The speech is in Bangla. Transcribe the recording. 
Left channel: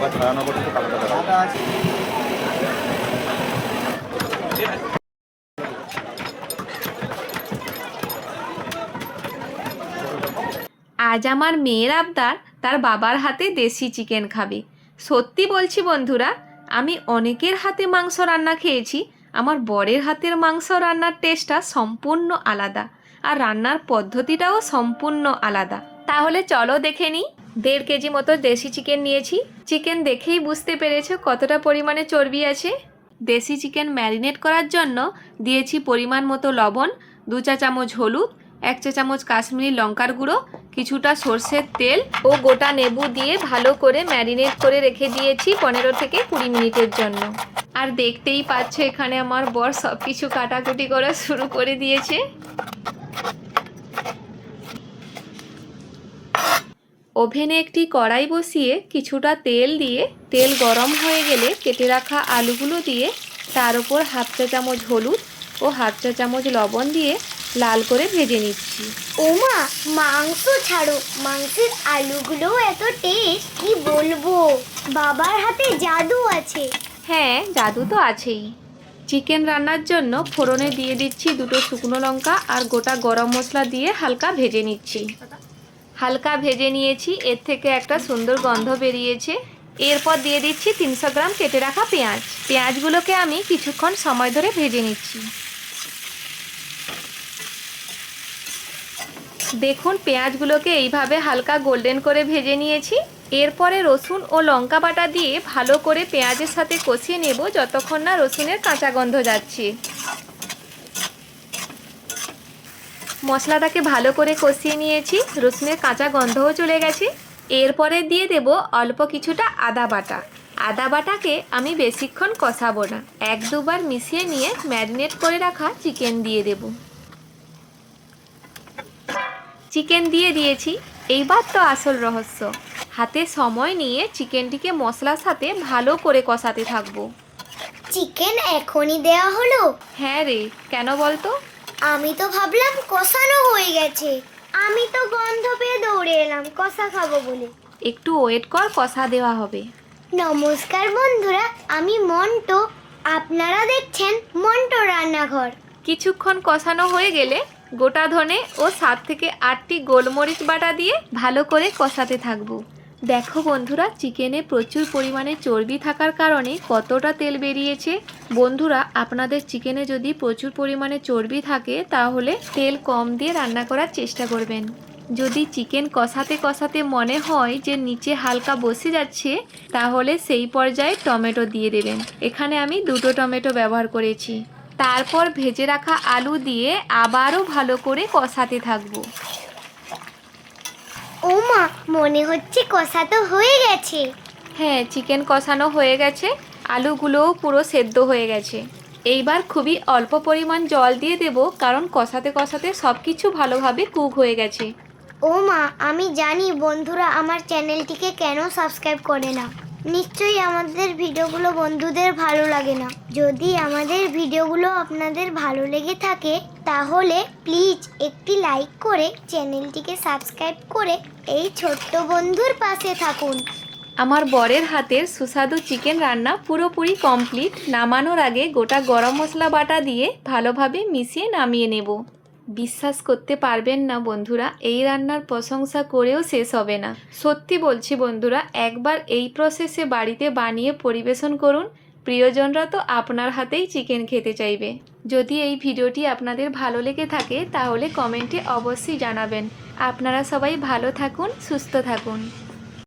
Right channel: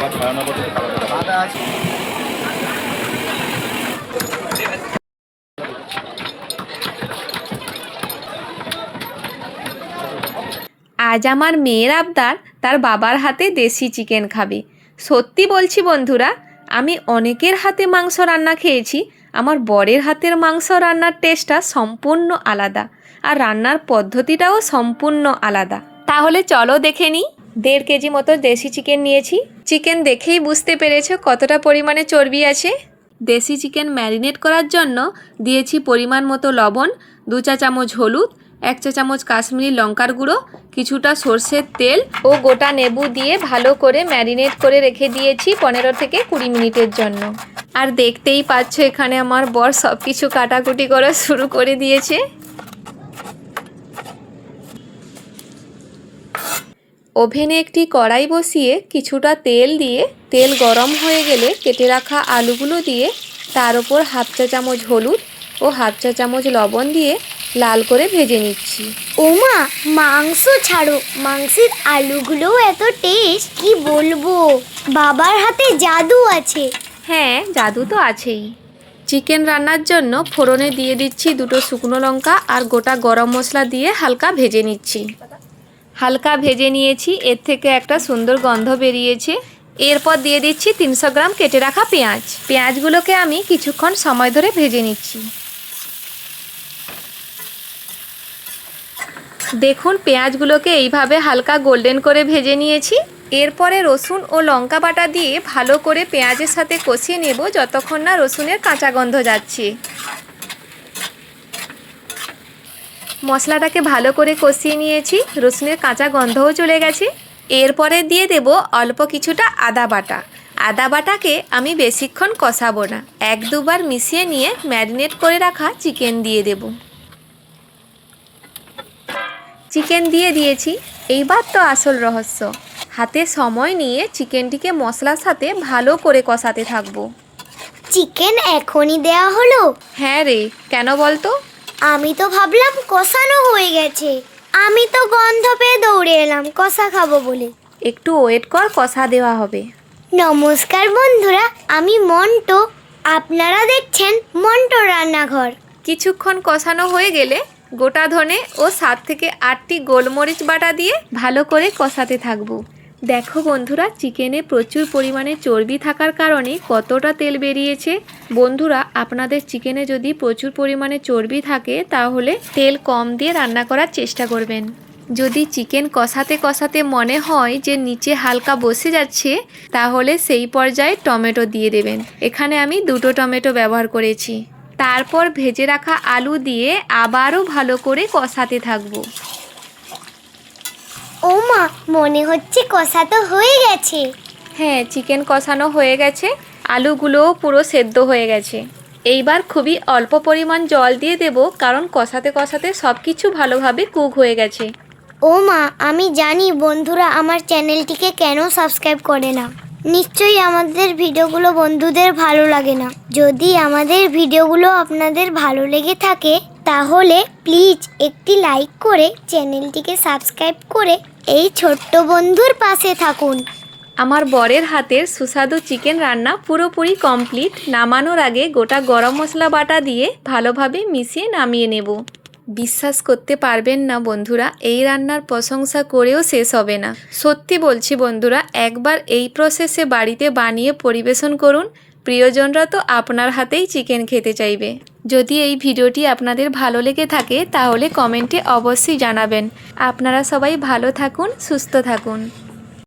এবার ছড়ানো করতে কালারটা আছে। আজ আমার মেয়ের আবদার তার বাবার হাতে দেশি চিকেন খাবে। সত্যি বলছি বন্ধুরা, আমি অনেকের হাতে মাংস রান্না খেয়েছি, আমার বরের হাতের মাংস রান্নার টেস্টটা সম্পূর্ণ আলাদা, আর রান্নার পদ্ধতিটাও সম্পূর্ণ আলাদা। তাহলে চলো দেখে নিই। 1.5 কেজি মতো দেশি চিকেন নিয়েছি। চিকেন দেখেই বুঝতে পেরেছো কতটা পরিমাণে চর্বি আছে। দেশি চিকেন ম্যারিনেট করার জন্য দিয়েছি পরিমাণ মতো লবণ, 2 চা চামচ হলুদ, 1 চা চামচ কাশ্মীরি লঙ্কার গুঁড়ো, কিছুটা সর্ষের তেল ও গোটা লেবু দিয়ে ভালো করে ম্যারিনেট করে রেখে দিয়েছি 15 থেকে 20 মিনিটের জন্য। আর দেখতেই পাচ্ছ এখানে আমার বর সব কিছু কাটাকুটি করা শুরু করে দিয়েছে। ওভেনে একটি কড়াই বসিয়ে কিছুটা তেল দিয়ে, তেল গরম হয়ে গেলে কেটে রাখা আলুগুলো দিয়ে তার উপর 1/2 চা চামচ হলুদ ও 1/2 চা চামচ লবণ দিয়ে লাল করে ভেজে নিচ্ছি। ওমা, মাংস ছাড়ো, মাংসের আলুগুলোও এত টেস্ট, কি বলবো। বাবার হাতে জাদু আছে। হ্যাঁ, জাদু তো আছেই। চিকেন রান্নার জন্য ফোড়নে দিয়ে দিচ্ছি 2টো শুকনো লঙ্কা আর গোটা গরম মশলা দিয়ে হালকা ভেজে নিচ্ছি। হালকা ভেজে নিয়েছি, এর থেকে একটা সুন্দর গন্ধ বেরিয়েছে। এরপর দিয়ে দিচ্ছি 300 গ্রাম কেটে রাখা পেঁয়াজ। পেঁয়াজগুলোকে আমি কিছুক্ষণ সময় ধরে ভেজে নিচ্ছি। দেখুন, পেঁয়াজগুলোকে এইভাবে হালকা গোল্ডেন করে ভেজে নিয়েছি। এরপরে রসুন ও লঙ্কা বাটা দিয়ে ভালো করে পেঁয়াজের সাথে কষিয়ে নেব যতক্ষণ না রসুনের কাঁচা গন্ধ যাচ্ছে। মশলাটাকে ভালো করে কষিয়ে নিয়েছি, রসুনের কাঁচা গন্ধও চলে গেছে। এরপরে দিয়ে দেব অল্প কিছুটা আদা বাটা। আদা বাটাকে আমি বেশিক্ষণ কষাবো না, 1-2 বার মিশিয়ে নিয়ে ম্যারিনেট করে রাখা চিকেন দিয়ে দেব। চিকেন দিয়ে দিয়েছি। এইবার তো আসল রহস্য, হাতে সময় নিয়ে চিকেনটিকে মশলার সাথে ভালো করে কষাতে থাকবো। চিকেন এখনই দেয়া হলো? হ্যাঁ রে, কেন বলতো? আমি তো ভাবলাম কষানো হয়ে গেছে। আমি তো গন্ধ পেয়ে দৌড়ে এলাম কষা খাবো বলে। একটু ওয়েট কর, কষা দেওয়া হবে। নমস্কার বন্ধুরা, আমি মন্টু। আপনারা দেখছেন মন্টু রান্নাঘর। কিছুক্ষণ কষানো হয়ে গেলে গোটা ধনে ও 7 থেকে 8টি গোলমরিচ বাটা দিয়ে ভালো করে কষাতে থাকবো। দেখো বন্ধুরা, চিকেনে প্রচুর পরিমাণে চর্বি থাকার কারণে কতটা তেল বেরিয়েছে। বন্ধুরা, আপনাদের চিকেনে যদি প্রচুর পরিমাণে চর্বি থাকে তাহলে তেল কম দিয়ে রান্না করার চেষ্টা করবেন। যদি চিকেন কষাতে কষাতে মনে হয় যে নিচে হালকা বসে যাচ্ছে, তাহলে সেই পর্যায়ে টমেটো দিয়ে দেবেন। এখানে আমি 2টো টমেটো ব্যবহার করেছি। তারপর ভেজে রাখা আলু দিয়ে আবারও ভালো করে কষাতে থাকবো। ওমা, মনে হচ্ছে কষা তো হয়ে গেছে। হ্যাঁ, চিকেন কষানো হয়ে গেছে, আলুগুলোও পুরো সেদ্ধ হয়ে গেছে। এইবার খুবই অল্প পরিমাণ জল দিয়ে দেব, কারণ কষাতে কষাতে সব কিছু ভালোভাবে কুক হয়ে গেছে। ওমা, আমি জানি বন্ধুরা আমার চ্যানেলটিকে কেন সাবস্ক্রাইব করে না। নিশ্চয়ই আমাদের ভিডিওগুলো বন্ধুদের ভালো লাগে না। যদি আমাদের ভিডিওগুলো আপনাদের ভালো লেগে থাকে তাহলে প্লিজ একটি লাইক করে চ্যানেলটিকে সাবস্ক্রাইব করে এই ছোট্ট বন্ধুর পাশে থাকুন। আমার বরের হাতের সুস্বাদু চিকেন রান্না পুরোপুরি কমপ্লিট। নামানোর আগে গোটা গরম মশলা বাটা দিয়ে ভালোভাবে মিশিয়ে নামিয়ে নেব। বিশ্বাস করতে পারবেন না বন্ধুরা, এই রান্নার প্রশংসা করেও শেষ হবে না। সত্যি বলছি বন্ধুরা, একবার এই প্রসেসে বাড়িতে বানিয়ে পরিবেশন করুন, প্রিয়জনরা তো আপনার হাতেই চিকেন খেতে চাইবে। যদি এই ভিডিওটি আপনাদের ভালো লেগে থাকে তাহলে কমেন্টে অবশ্যই জানাবেন। আপনারা সবাই ভালো থাকুন, সুস্থ থাকুন।